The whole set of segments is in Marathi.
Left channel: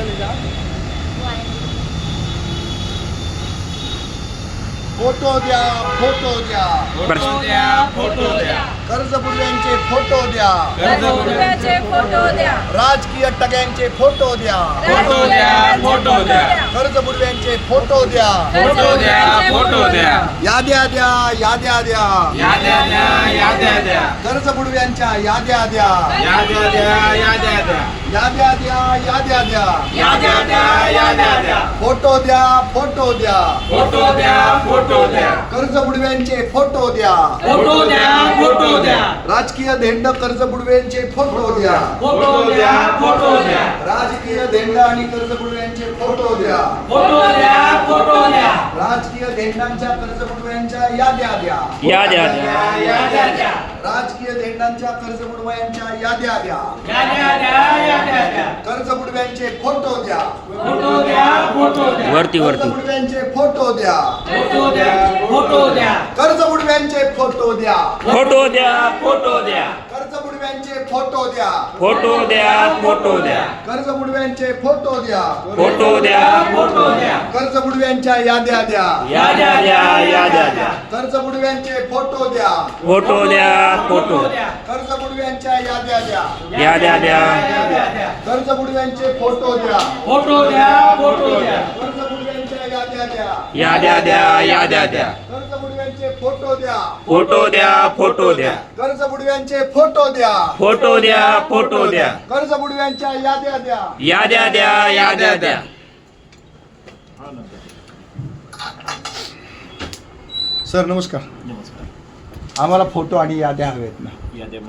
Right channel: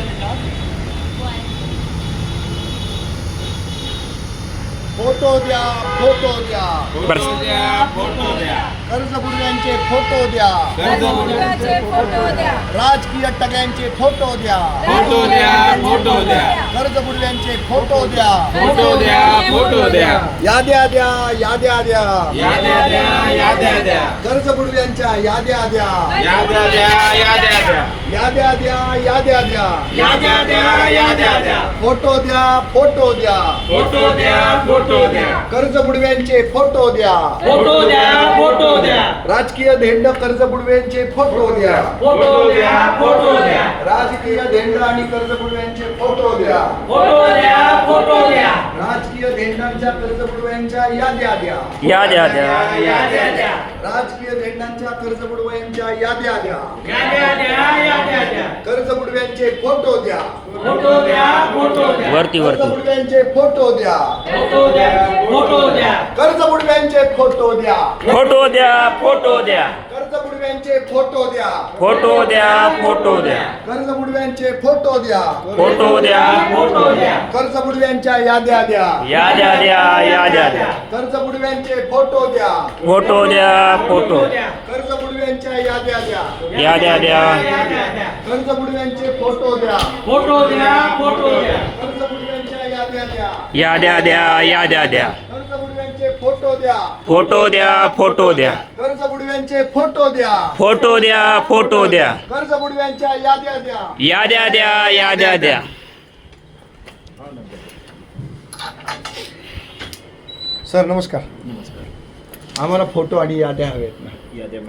असेल का फोटो द्या फोटो द्या. फोटो द्या फोटो द्या. कर्ज बुडव्यांचे फोटो द्या. कर्जबुडव्याचे फोटो द्या. राजकीय टग्यांचे फोटो द्या. फोटो द्या फोटो द्या. कर्ज बुडव्यांचे फोटो द्या. फोटो द्या फोटो द्या. याद्या द्या याद्या द्या. याद्या द्या याद्या द्या. कर्ज बुडव्यांच्या याद्या द्या. याद्या द्या याद्या द्या. याद्या द्या याद्या द्या याद्या द्या याद्या द्या फोटो द्या फोटो द्या. फोटो द्या फोटो द्या. कर्ज बुडव्यांचे फोटो द्या. फोटो द्या फोटो द्या. राजकीय धेंड कर्ज बुडव्यांचे फोटो द्या. फोटो द्या फोटो द्या. राजकीय धेंड आणि कर्ज बुडव्यांचे फोटो द्या. फोटो द्या फोटो द्या. राजकीय धेंडांच्या कर्ज बुडव्यांच्या याद्या द्या. याद्या द्या याद्या द्या. राजकीय धेंडांच्या कर्ज बुडव्यांच्या याद्या द्या. याद्या द्या याद्या द्या कर्ज बुडव्यांचे फोटो द्या. फोटो द्या फोटो द्या. वरती कर्ज वरती. बुडव्यांचे फोटो द्या. फोटो द्या फोटो द्या. कर्ज बुडव्यांचे फोटो द्या. फोटो द्या फोटो द्या. बुडव्यांचे फोटो द्या. फोटो द्या फोटो द्या. कर्ज बुडव्यांचे फोटो द्या. फोटो द्या फोटो द्या. कर्ज बुडव्यांच्या याद्या द्या. याद्या द्या याद्या द्या. कर्ज बुडव्यांचे फोटो द्या. फोटो द्या फोटो. कर्ज बुडव्यांच्या याद्या द्या. याद्या द्या. कर्ज बुडव्यांचे फोटो द्या. फोटो द्या फोटो द्या. कर्ज बुडव्यांच्या याद्या द्या. याद्या द्या याद्या द्या. बुडव्यांचे फोटो द्या. फोटो द्या फोटो द्या. कर्ज बुडव्यांचे फोटो द्या. फोटो द्या फोटो द्या. कर्ज बुडव्यांच्या याद्या द्या. याद्या द्या याद्या द्या. सर नमस्कार. आम्हाला फोटो आणि याद्या हवेत ना. याद्या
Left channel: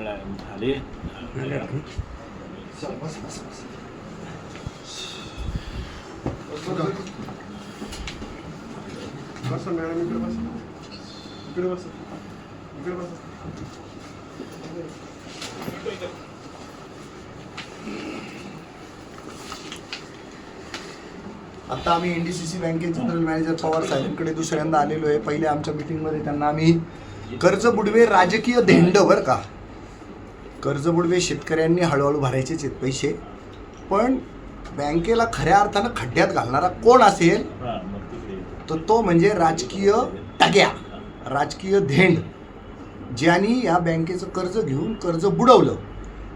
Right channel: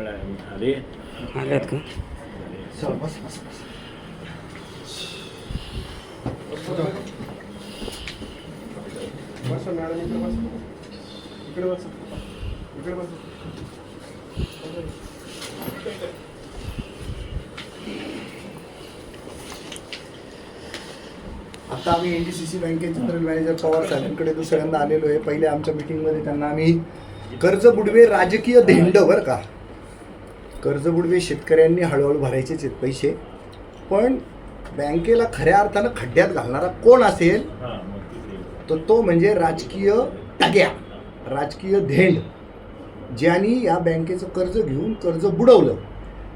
आता आम्ही एन डी सी सी बँकेचे जनरल मॅनेजर पवार साहेबांकडे दुसऱ्यांदा आलेलो आहे. पहिले आमच्या मीटिंगमध्ये त्यांना आम्ही कर्ज बुडवे राजकीय धेंड बरं का? कर्ज बुडवे शेतकऱ्यांनी हळूहळू भरायचेच आहेत पैसे. पण बँकेला खऱ्या अर्थानं खड्ड्यात घालणारा कोण असेल? तर तो म्हणजे राजकीय टग्या राजकीय धेंड ज्यांनी या बँकेचं कर्ज घेऊन कर्ज बुडवलं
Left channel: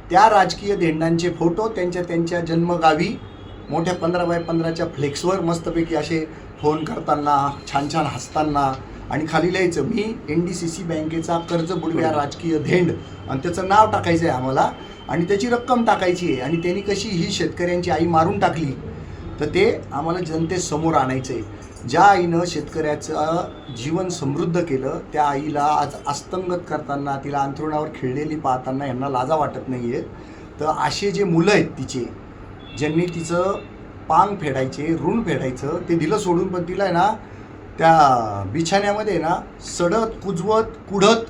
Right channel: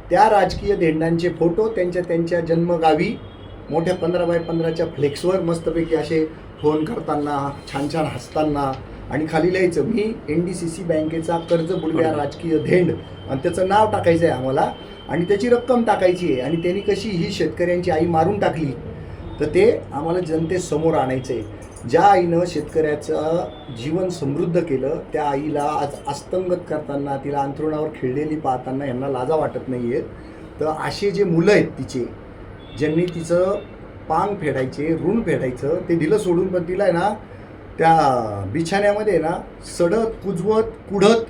त्या राजकीय धेंडांचे फोटो त्यांच्या त्यांच्या जन्मगावी मोठ्या पंधरा बाय पंधराच्या फ्लेक्सवर मस्तपैकी असे फोन करताना छान छान हसताना आणि खाली लिहायचं मी एन डी सी सी बँकेचा कर्ज बुडव्या राजकीय धेंड. आणि त्याचं नाव टाकायचं आहे आम्हाला आणि त्याची रक्कम टाकायची आहे आणि त्यांनी कशी ही शेतकऱ्यांची आई मारून टाकली तर ते आम्हाला जनतेसमोर आणायचं आहे ज्या आईनं शेतकऱ्याचं जीवन समृद्ध केलं त्या आईला आज अस्तंगत करताना तिला अंथरुणावर खिळलेली पाहताना यांना लाजा वाटत नाही आहेत तर असे जे मुलं आहेत तिचे ज्यांनी तिचं पांग फेडायचे ऋण फेडायचं ते दिलं सोडून पण तिला आहे ना त्या बिछाण्यामध्ये ना सडत कुजवत कुढत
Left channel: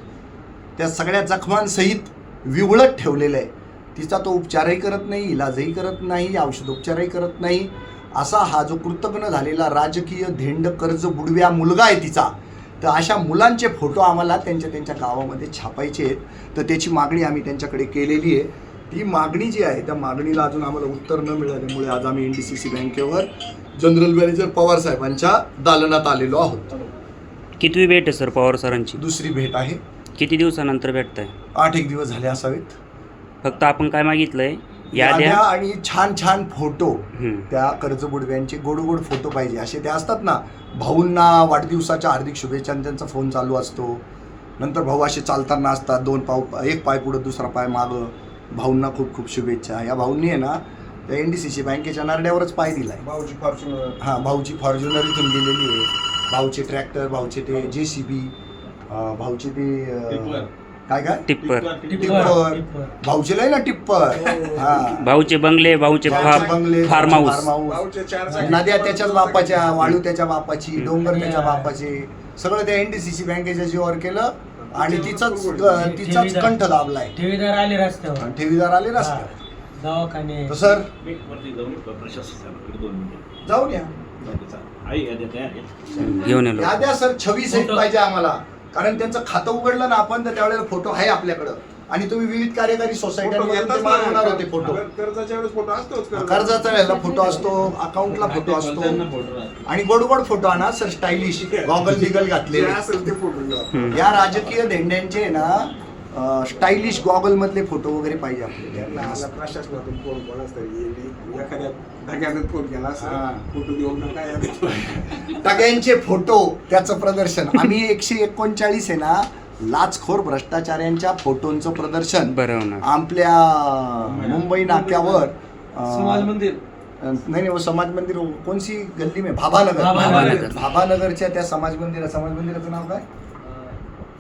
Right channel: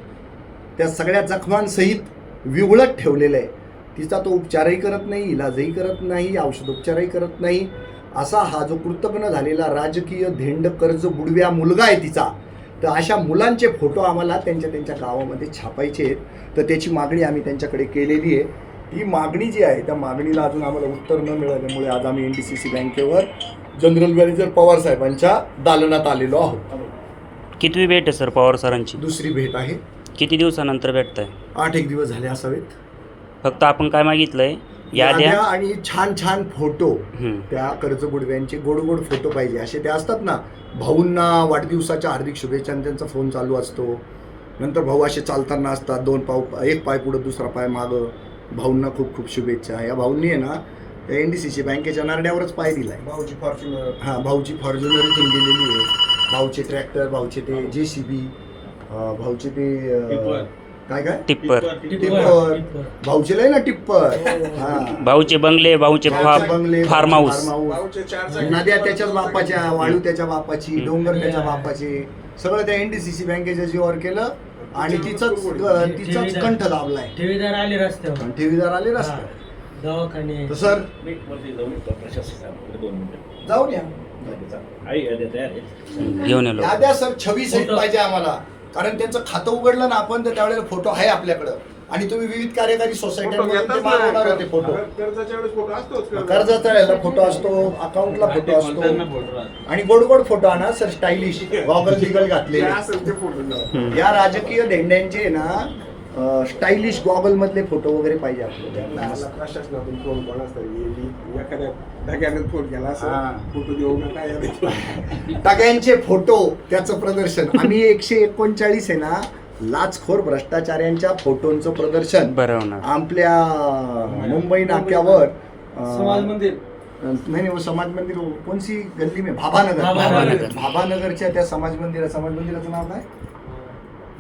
त्या सगळ्या जखमांसहित विवळत ठेवलेलं आहे. तिचा तो उपचारही करत नाही इलाजही करत नाही औषधोपचारही करत नाही. असा हा जो कृतज्ञ झालेला राजकीय धेंड कर्ज बुडव्या मुलगा आहे तिचा तर अशा मुलांचे फोटो आम्हाला त्यांच्या त्यांच्या गावामध्ये छापायचे आहेत. तर त्याची मागणी आम्ही त्यांच्याकडे केलेली आहे. ती मागणी जी आहे त्या मागणीला अजून आम्हाला उत्तर न मिळाल्यामुळे आज आम्ही एन डी सी सी बँकेवर जनरल मॅनेजर पवार साहेबांच्या दालनात आलेलो आहोत. कितवी भेट आहे सर पवार सरांची? दुसरी भेट आहे. किती दिवसानंतर भेटताय? आठ एक दिवस झाले असावेत. फक्त आपण काय मागितलंय? याद्या आणि छान छान फोटो. त्या कर्जबुडव्यांचे गोड गोड फोटो पाहिजे. असे ते असतात ना भाऊंना वाढदिवसाच्या हार्दिक शुभेच्छा आणि त्यांचा फोन चालू असतो. नंतर भाऊ असे चालताना असतात दोन पाव एक पाय पुढं दुसरा पाय मागं. भाऊंना खूप खूप शुभेच्छा. या भाऊंनी आहे ना त्या एन डी सी सी बँकेच्या नारड्यावरच पाय दिलाय. भाऊची फॉर्च्युनर हां भाऊची फॉर्च्युनर इथून गेलेली आहे. भाऊचे ट्रॅक्टर भाऊचे ते जे सी बी भाऊचे ते काय काय? टिप्पर. टिप्पर. भाऊचे लय ना टिप्पर. हा. भाऊचे बंगले भाऊचे भाऊचे बंगले, फार्म हाऊस. नद्या त्याच्याच बापाच्या वाळू त्याच्या बापाची डोंगर त्याच्या बापाचे. सगळं त्या एनडीसीसी बँकेच्या जीवावर केलं आणि तिचाच तिचाच कंठ दाबलाय ठेवीदार आले रस्त्यावर. आणि ठेवीदार आले रस्त्यावर. दवाखाने. तर सर? मी वरती जाऊन येतो प्रशासक साहेबांकडे दोन मिनिटं. जाऊन या. जाऊ दे, चालेल. आई याद्या तयार आहे. घेऊन याद्या सर छवी सहित पाहिजे आम्हाला. कारण त्यांचं खातं उघडलं ना आपण तर त्यावेळेला फोटो आहे आपल्याकडं. आणि तुम्ही विविध कार्यकारी होते फोटो. कर्जाचा याला फोटो असतो अकाउंटला फोटो असतो. आणि गोड गोड फोटो आणा सर स्टायलिश गॉगल बिगल घ्या. या राजकीय धेंड्यांचे ना स्टायलिश गॉगल मधले फोटो वगैरे पाहिजे आपल्याला. प्रशासनातून फोन एखाद्या फोन केला हा. फोटो देऊ नका या टग्यांचे फोटो त्याचं प्रदर्शन. आम्ही एकशे एकोणचाळीस आहे ना लाचखोर भ्रष्टाचार्यांच्या फोटोंचं प्रदर्शन बरं आपल्या मुंबई नाक्यावर समाज मंदिर. नाही नाही वो समाज मंदिर. कोणसी गल्ली में? भाभानगर. भाभानगर. भाभानगरच्या त्या समाज मंदिरा समाज मंदिराचं नाव काय?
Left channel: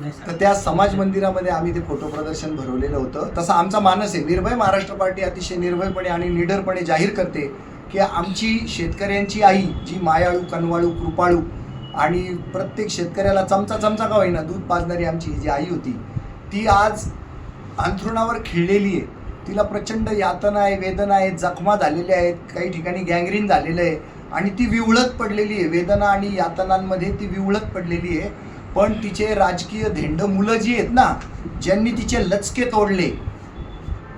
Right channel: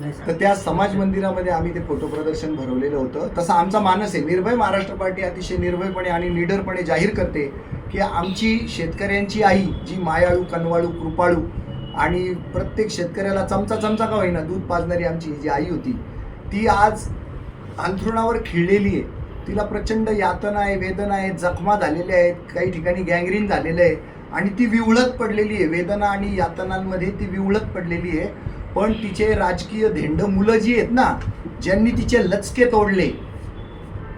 तर त्या समाज मंदिरामध्ये आम्ही ते फोटो प्रदर्शन भरवलेलं होतं. तसा आमचा मानस आहे. निर्भय महाराष्ट्र पार्टी अतिशय निर्भयपणे आणि निडरपणे जाहीर करते की आमची शेतकऱ्यांची आई जी मायाळू कनवाळू कृपाळू आणि प्रत्येक शेतकऱ्याला चमचा चमचा का होईना दूध पाजणारी आमची जी आई होती ती आज अंथरुणावर खिळलेली आहे. तिला प्रचंड यातना आहे वेदना आहे जखमा झालेल्या आहेत काही ठिकाणी गँग्रीन झालेलं आहे आणि ती विवळत पडलेली आहे. वेदना आणि यातनांमध्ये ती विवळत पडलेली आहे. पण तिचे राजकीय धेंड मुलं जी आहेत ना ज्यांनी तिचे लचके तोडले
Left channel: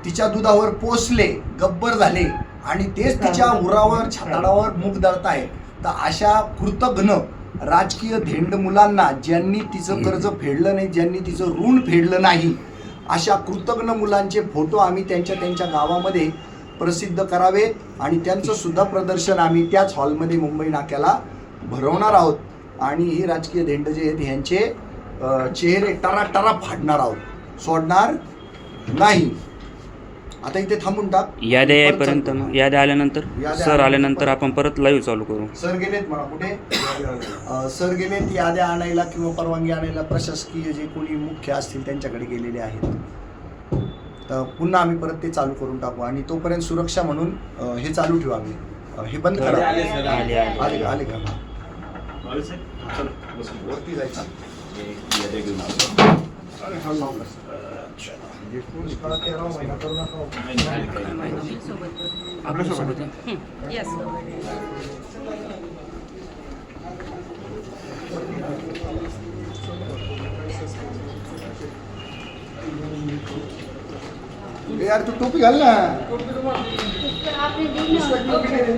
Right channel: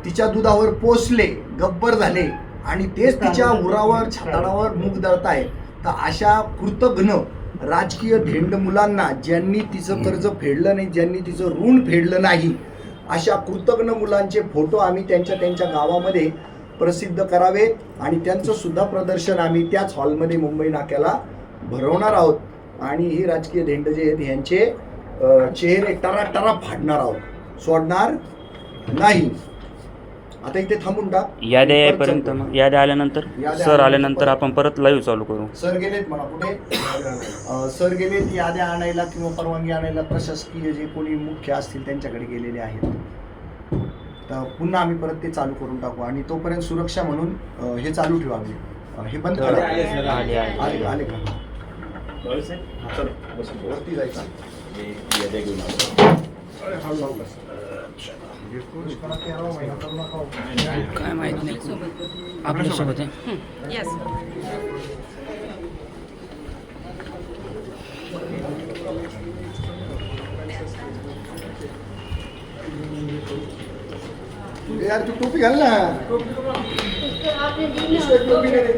तिच्या दुधावर पोसले गब्बर झाले आणि तेच तिच्या उरावर छाताडावर मुग दळताय तर अशा कृतघ्न राजकीय धेंड मुलांना ज्यांनी तिचं कर्ज फेडलं नाही ज्यांनी तिचं ऋण फेडलं नाही अशा कृतज्ञ मुलांचे फोटो आम्ही त्यांच्या त्यांच्या गावामध्ये प्रसिद्ध करावे आणि त्यांचं सुद्धा प्रदर्शन आम्ही त्याच हॉलमध्ये मुंबई नाक्याला भरवणार आहोत. आणि ही राजकीय धेंड जे आहेत ह्यांचे चेहरे टरा टरा फाडणार आहोत. सोडणार नाही. आता इथे थांबून टाक. चालू. मग याद्या आल्यानंतर? सर आल्यानंतर आपण परत लाईव्ह चालू करू. सर गेलेत म्हणा कुठे? अं, सर गेलेत याद्या आणायला किंवा परवानगी आणायला प्रशासकीय जे कोणी मुख्य असतील त्यांच्याकडे गेलेले आहेत. तर पुन्हा आम्ही परत ते चालू करून टाकू आणि तोपर्यंत सुरक्षा म्हणून अं, हे चालू ठेवू आम्ही. अं, हे बंद करा. आले. आले आले का? बावीस आहे? चल, बसून बोल. वरती जायचं मी याद्या घेऊन आलो. अरे हा लावला. Yes. ए यार तू टोपी घाल ना इसको एक टोपी दे दे.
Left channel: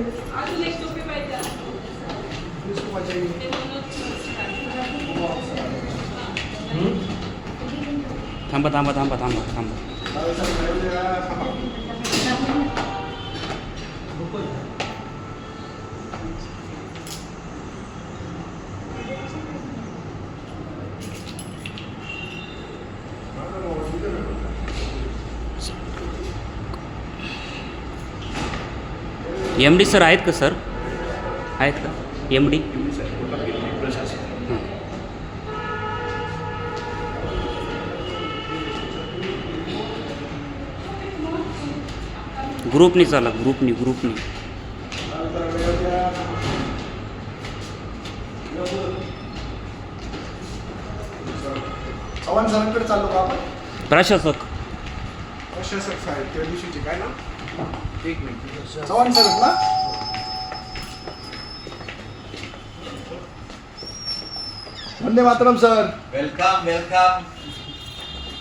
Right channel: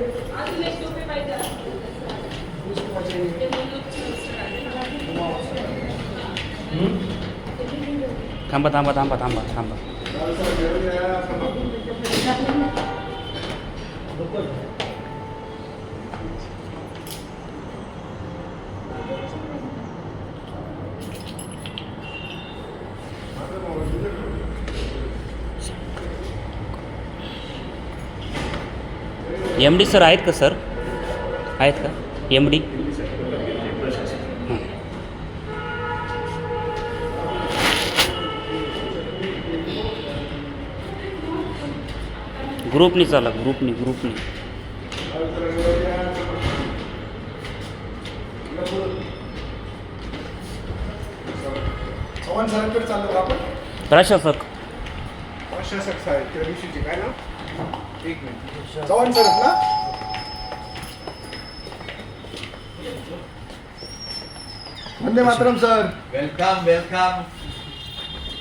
थांबा थांबा थांबा थांबा थांबा। एम डी सर आहेत का सर? आहेत का? M D? ग्रुपनी चाला ग्रुपनी ग्रुपनी. प्रशासक. प्रशासक साहेब त्या दिवशीचे काय ना एक मिनिट. चव्हाण सरच ना? Vande Mataram sir. Welcome welcome.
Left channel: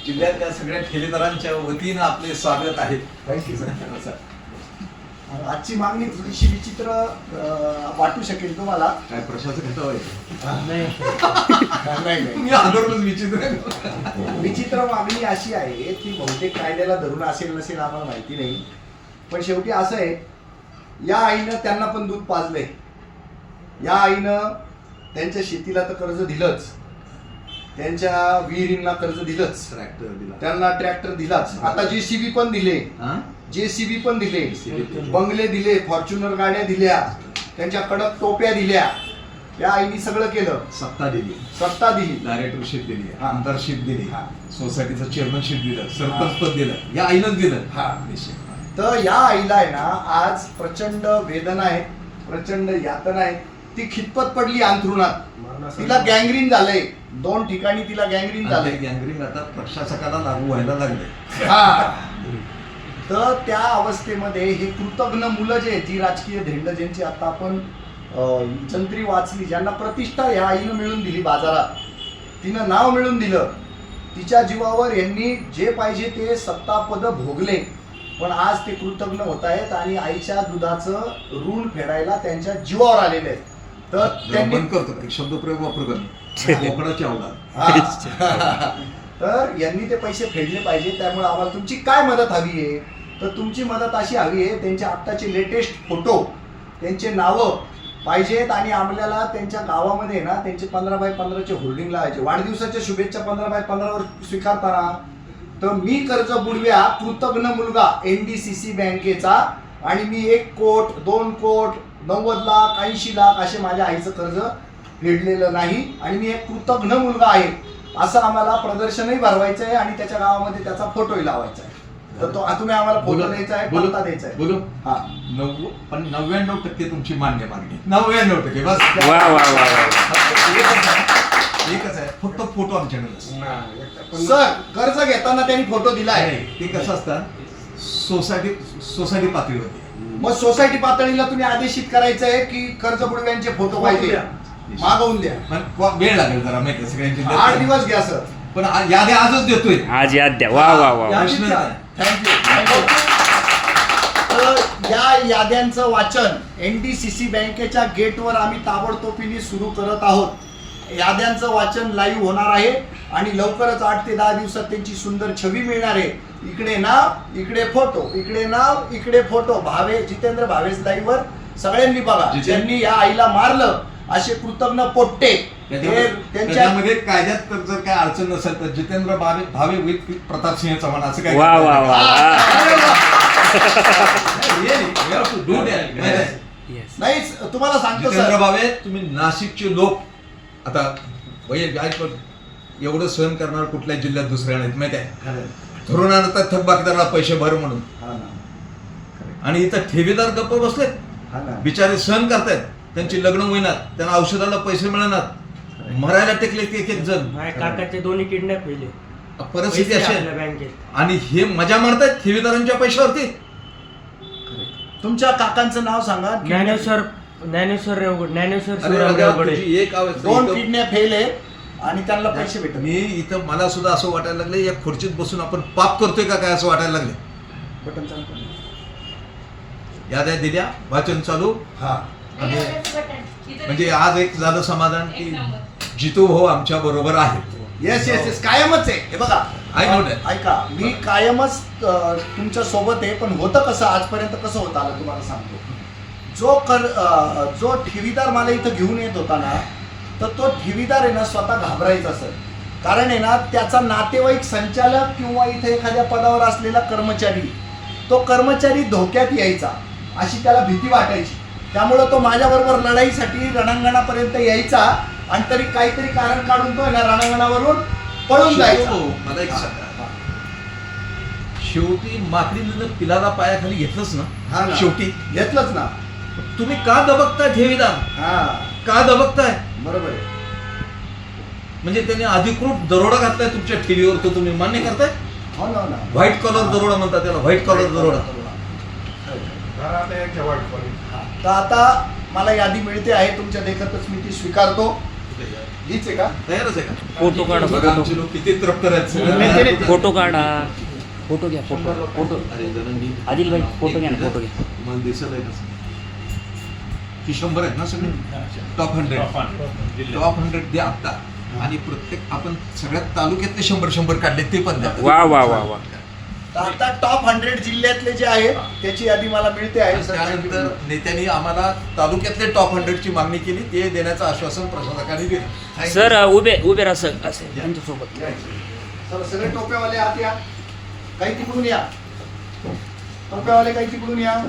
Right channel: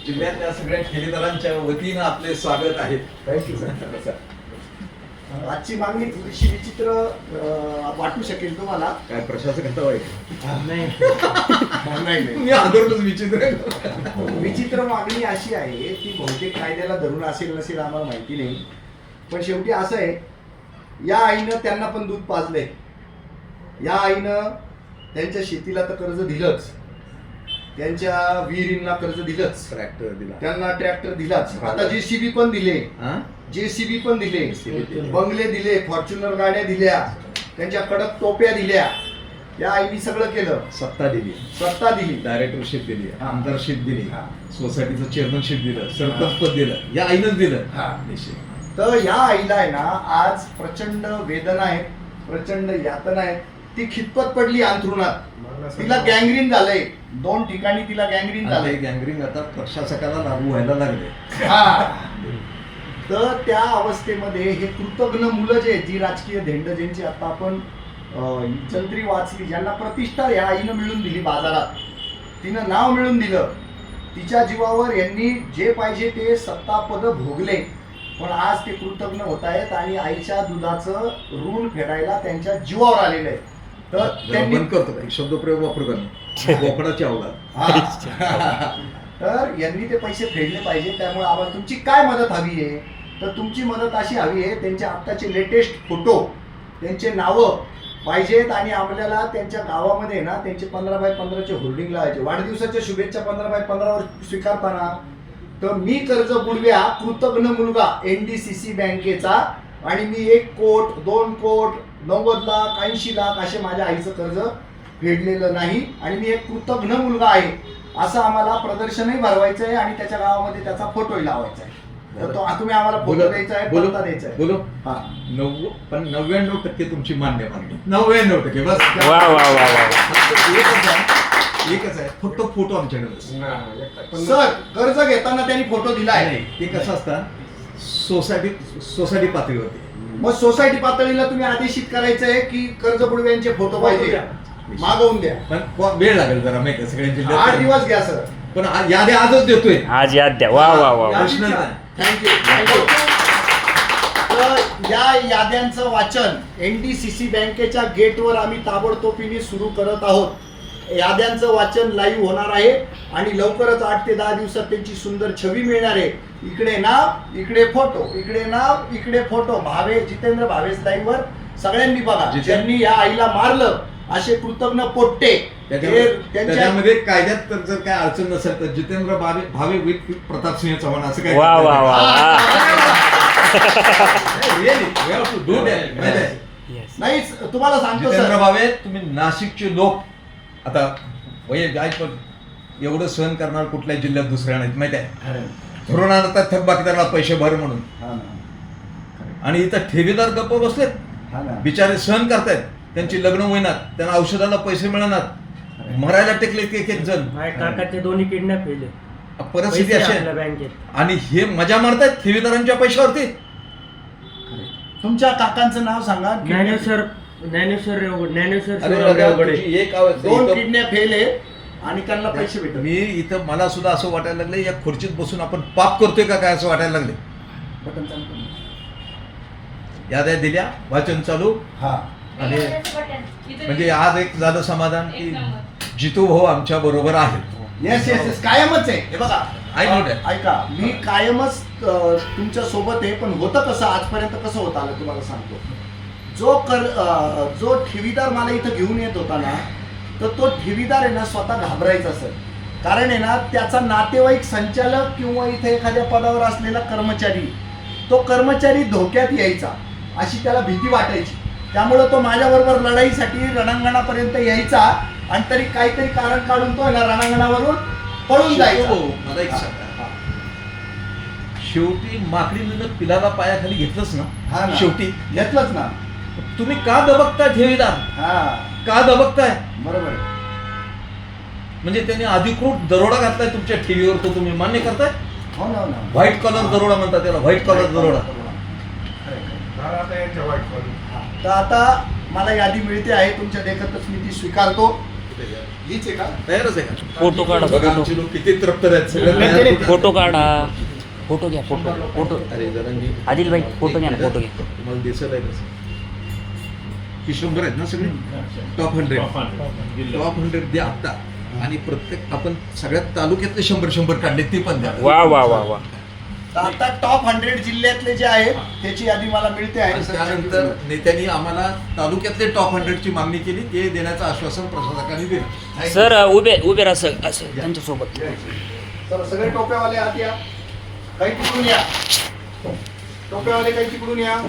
जिल्ह्यातल्या सगळ्या ठेवीदारांच्या वतीनं आपले स्वागत आहे. आजची मागणी थोडीशी विचित्र अं, वाटू शकेल तुम्हाला. काय प्रशासक नाही. आंदोलनच विचित्र आहे. विचित्र मागणी अशी आहे की बहुतेक कायद्याला धरून असेल नसेल आम्हाला माहिती नाही. पण शेवटी असं आहे या आईनं त्यांना पण दूध पाजलंय. या आईनं त्यांच्या शेतीला तर कर्ज दिलंच. त्यांच्या विहिरींना कर्ज दिलंच. ट्रॅक्टर दिला. त्यांना ट्रॅक्टर दिलाच. आता जेसीबी पण दिले? जेसीबी पण दिले. बंगले दिले फॉर्च्युनर गाड्या दिल्या त्यांच्या कडक टोप्या दिल्या. या आईनी सगळं केलं. सत्ता दिली. सत्ता दिली. डायरेक्टरशिप दिली. आमदारशिप दिली. सोसायटीचं चेअरमनशिप दिलं. सरपंच पद दिलं. या आईनंच दिलं. हा. तर या आईला आहे ना आज प्रचंड वेदना आहे प्रचंड यातना आहे ती खितपत पडली अंथरुणात. तिला गँग्रीन झालंय. दोन ठिकाणी तिला गँग्रीन झालंय. ते गँगरिंग आता प्रशासकाला लागू व्हायला लागले. हा. तर त्या अवस्थेमध्ये हे कृतज्ञ मुलं जे जी राजकीय धेंड ज्यांची आता आपण जंत्री वाचली ज्यांना प्रतिष्ठा या आईनं मिळून दिली बाजारात. तिनं नाव मिळून दिलं. तिच्या जीवावर यांनी जे पाहिजे ते सत्तापद भोगले. पण आज ते कृतज्ञ होत आहेत आणि आईच्या दुधाचं ऋण फेडायला त्यांच्या जीवावर आलेले आहेत. तर जरा त्यांनी बंद करतो? एक शब्दप्रयोग वापरू कोकणाची. तर यांनी ते पैसे फेडले पाहिजे त्यामुळे आम्हाला तुमची काय मदत हवी आहे? तर तुमची मदत अशी हवी आहे त्यांचे आत्ताचे लेटेस्ट फोटो त्यांचे नावं पाहिजेत आणि आपल्याला त्यांच्या गावामध्ये ना त्यांचे पंधरा बाय पंधराचे होल्डिंग लावायचे. वाढदिवसाच्या शुभेच्छा पंधरा बाय पंधरावर स्वीकारताना. तर मी कर्ज बुडव्या कृतज्ञ मुलगा एन डी सी सी बँकेचा आणि मी एक कोट दोन कोट नव्वद लाख ऐंशी लाख असे माझ्या आईचं कर्ज फेडलेलं नाही. आणि मी एक कृतज्ञ मुलगा आहे. असं आम्हाला प्रदर्शनही भरवायचं आहे आणि त्याच्या गावामध्ये त्याचा फोटोही लावायचा आहे. तर तो तुम्ही आम्हाला फोटो बोलो द्यायचा आहे बोलो पत्ता द्यायचा आहे. बोलो. हा. नव्व पण नव्याण्णव टक्के तुमची मान्य मागणी. नव्याण्णव टक्के बस. वा वा वा वा फक्त एकच आहे. एकच आहे. फक्त फोटो आमच्याकडे बस. सर कर्ज घेताना त्यांनी फोटो दिलाय. नाही, ते कसं असतं? सोसायटी सोसायटी पातळीवरती मग सोसायटी पातळीला तुम्ही आदेशित करायचं आहे की कर्ज बुडव्यांचे फोटो पाहिजे? मागवून द्या. पण वा- वेळ लागेल जरा माहिती आहे, सगळ्यांची आठ दिवस घ्या सर. पण आ- यादी आजच देतोय. आज याद द्या. वा वा वा. थँक्यू तर या याद्यांचं वाचन एन डी सी सी बँकेच्या गेटवर आम्ही ताबडतोबीने सुरू करत आहोत. याद्यांचं वाचन लाईव्ह होणार आहे आणि लवकरच आठ ते दहा दिवसात त्यांची सुंदर छवी मिळणार आहे. इकडे नाव इकडे फोटो इकडे नाव इकडे फोटो. भावे जितेंद्र भावेश लाईव्हवर सगळ्यांनी बघा. ज्यांनी या आईला मारलं असे कृतज्ञ पोट्टे. हे त्याच्यामध्ये त्यांच्या त्याच्यामध्ये कायद्यात तर जर काही अडचण नसेल तर जितेंद्र भावे भावे विथ प्रतापसिंह चव्हाण असं काय वा वा वा वा. जितेंद्र Yes. नाही तुम्हाला सांगतो सर. भावे तुम्ही नाशिकचे लोक. आता वय काय पण एवढं सहन करणार कुठल्याही जिल्ह्यात दुसऱ्या नाहीत माहिती आहे? धरून आणतात थकबाकीदाराला पैसे भर म्हणून. हा ना. आणि इथं ठेवीदार गप्प बसलेत. हा ना. बिचारे सहन करतायत. त्यांची लग्न होईनात. त्यांना औषधाला पैसे मिळणार. मरायला टेकले एक एक जण. काकाचे दोन्ही किडनॅप केले परिस्थिती अशी आहे. बँकेत. आणि हे मजा मारतायत ठेवीदारांच्या पैशावरती. तुमच्या काकांचं नाव सांगा. ज्ञानेश्वर ज्ञानेश्वर ज्ञानेश्वर एक दोन किडनॅप फेल आहे. आणि त्यांना पैसे भेटत मी इथं मला सुद्धा असं वाटायला लागलं या खुर्चीत बसून आपण पाप करतोय का काय असं वाटायला लागले बटन चालतं ना? याद्या दिल्या वाचन चालू. हा. आणि म्हणजे आज एक झालं समाधान की जितू भाऊ आमच्या बरोबर आहे येस येस येस कायमच आहे. हे बघा. ऐका मी कायमच तुमच्यासोबत आहे पण होतं कसं? आजपर्यंत कसं होत आलं तुम्हाला सांगतो. जो कर जो ठेवीदार मला इथं घेऊन येत होता ना तर तो ठेवीदार आहे ना स्वतः घाबरायचा सर. कारण आहे ना त्याचा नातेवाईक संचालक किंवा इथे एखाद्या पदावर असलेला कर्मचारी तो कर्मचारी धोक्यात यायचा अशी त्याला भीती वाटायची. त्यामुळं तो माझ्याबरोबर लढाईसाठी रणांगणापर्यंत यायचा आणि तरी काहीतरी कारण काढून तो ना रणांगणावरून पळून जायचा. भाऊ, मला एक सांगा. शेवटी माकडीनं पिलाला पायाखाली घेतलंच हा ना. ना. शेवटी. घेतलंच ना. तुम्ही का दबकताय ठेवीदार? हा. का दबकताय? बरोबर आहे. म्हणजे त्यांनी अधिकृत दरोडा घातलाय तुमच्या ठेवीवर तो तुम्ही मान्य करताय? हो ना हो ना. व्हाईट कॉलर दरोडा म्हणतात त्याला व्हाईट कॉलर दरोडा. हा. तर आता मला यादी मिळते आहे तुमच्या देखतच मी ती स्वीकारतो. हीच आहे का? तयारच आहे का? फोटो काढा बघा फोटो आमचे लोक किती तृप्त आहेत फोटो काढा. फोटो घ्या फोटो. फोटो अरे आदिल भाई फोटो घ्या ना फोटो घ्या. तुम्हाला दिसत आहे कसं ही शंभर आहेत ना सगळे? टॉप हंड्रेड टॉप हंड्रेड द्या आत्ता आणि प्रत्येक आपण सगळ्यात तालुक्यातले शंभर शंभर काढले ते पण द्या. वा वा वा वा. आता टॉप हंड्रेड जिल्ह्यातले जे आहेत त्याची यादी मला मिळते आहे त्यानंतर नेत्यांनी आम्हाला तालुक्यातले टॉप हंड्रेडची मागणी केली ते देण्याचं आश्वासन प्रशासकांनी दिलं. सर उभे उभे राहा सर असं त्यांच्यासोबत. तर सगळे टोप्यावाले आत या. काही तिकडून या. टोप्यावाले काही तिकडून या.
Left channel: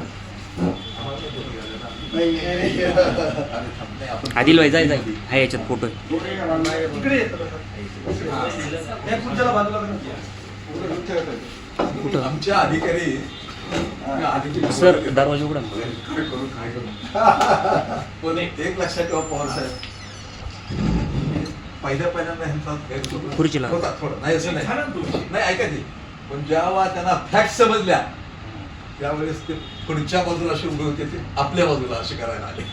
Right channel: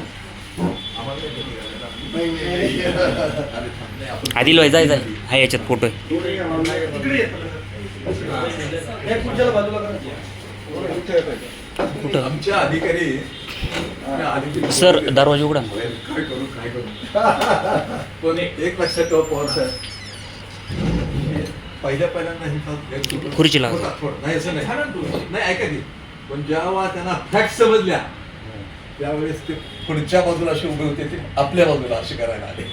आदिल भाई जाय जाय. हा याच्यात फोटो. कुठं? अधिकारी सर दरवाजा उघडा. पण एक लक्षात ठेवा पवार साहेब. पहिल्या पहिल्यांदा खुर्चीला. नाही असं नाही. नाही ऐका की. पण जेव्हा त्यांना फॅक्ट समजल्या त्यावेळेस ते पुढच्या बाजूला अशी उभे होते ते आपल्या बाजूला असे करायला आले.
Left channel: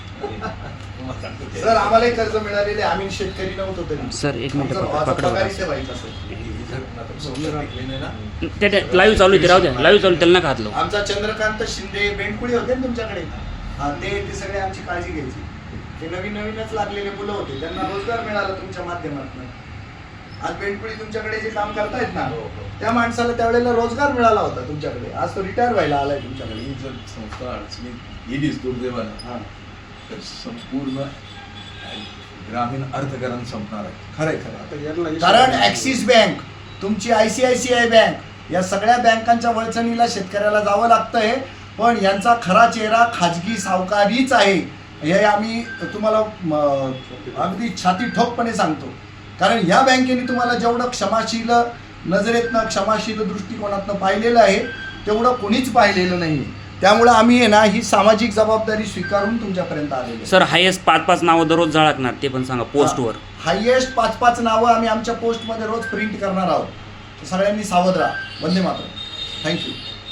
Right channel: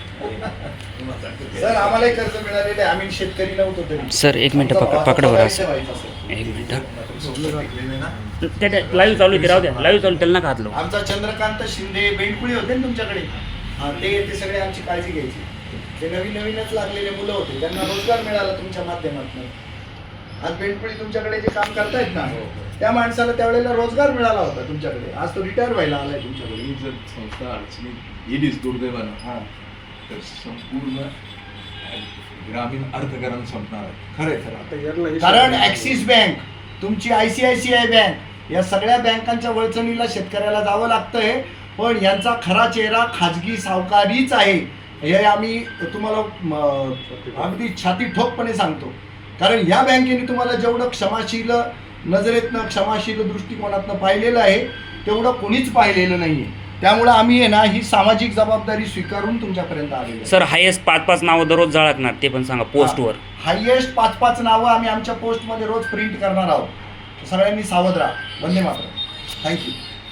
सर आम्हालाही कर्ज मिळालेले. आम्ही शेतकरी नव्हतो तरी. सर एक मिनिट पकडा बरं. असं सर. एक मिनिट. त्या लाईव्ह चालू आहे ते राहू द्या. लाईव्ह चालू त्याला नका हात लावू? आमचा चंद्रकांत शिंदे बेंडकुळी होते ना तुमच्याकडे? हा ते ते सगळे आमची काळजी घ्यायची. ते नवीन नवीनच लागलेले मुलं होते. त्यांना रोजगार मिळाला तुमच्या माध्यमातून. आज बेंडकुळी तुमच्याकडे जे काम करतायत ना त्या माणसाला त्यावेळेला रोजगार मिळाला होता तुमच्याकडे. आज तो रिटायर व्हायला आलाय तुमच्याकडे. ही जर संस्था अडचणीत येलीच दुर्दैवानं हा. तर संपूर्ण ग्रामीण अर्थकारण संपणार आहे. खरंय खरं कारण ऍक्सिस बँक तुमची आयसीआयसीआय बँक या सगळ्या बँकांच्या वळचणीला शेतकऱ्याला जावं लागतंय पण यांचा खरा चेहरा खाजगी सावकारीच आहे. हे आम्ही तुम्हाला म, अगदी छाती ठोकपणे सांगतो. कारण या बँकेने तुम्हाला जेवढं क्षमाशील नजरेतनं क्षमाशील दृष्टिकोनातनं पाहिलेलं आहे तेवढं कोणीच पाहिलेलं नाही त्यामुळं आम्ही आहे ना ही सामाजिक जबाबदारी स्वीकारून तुमच्यापर्यंत आलेलो आहे. सर हायेस्ट पाच पाच नावं दररोज झळकणार ते पण सांगा पोस्टवर हायएस्ट पाच पाच नावं आम्ही आमच्या पोस्टमध्ये रोज प्रिंट करणार आहोत. सगळ्यांनी सावध राहा. वंदे मातरम. थँक्यू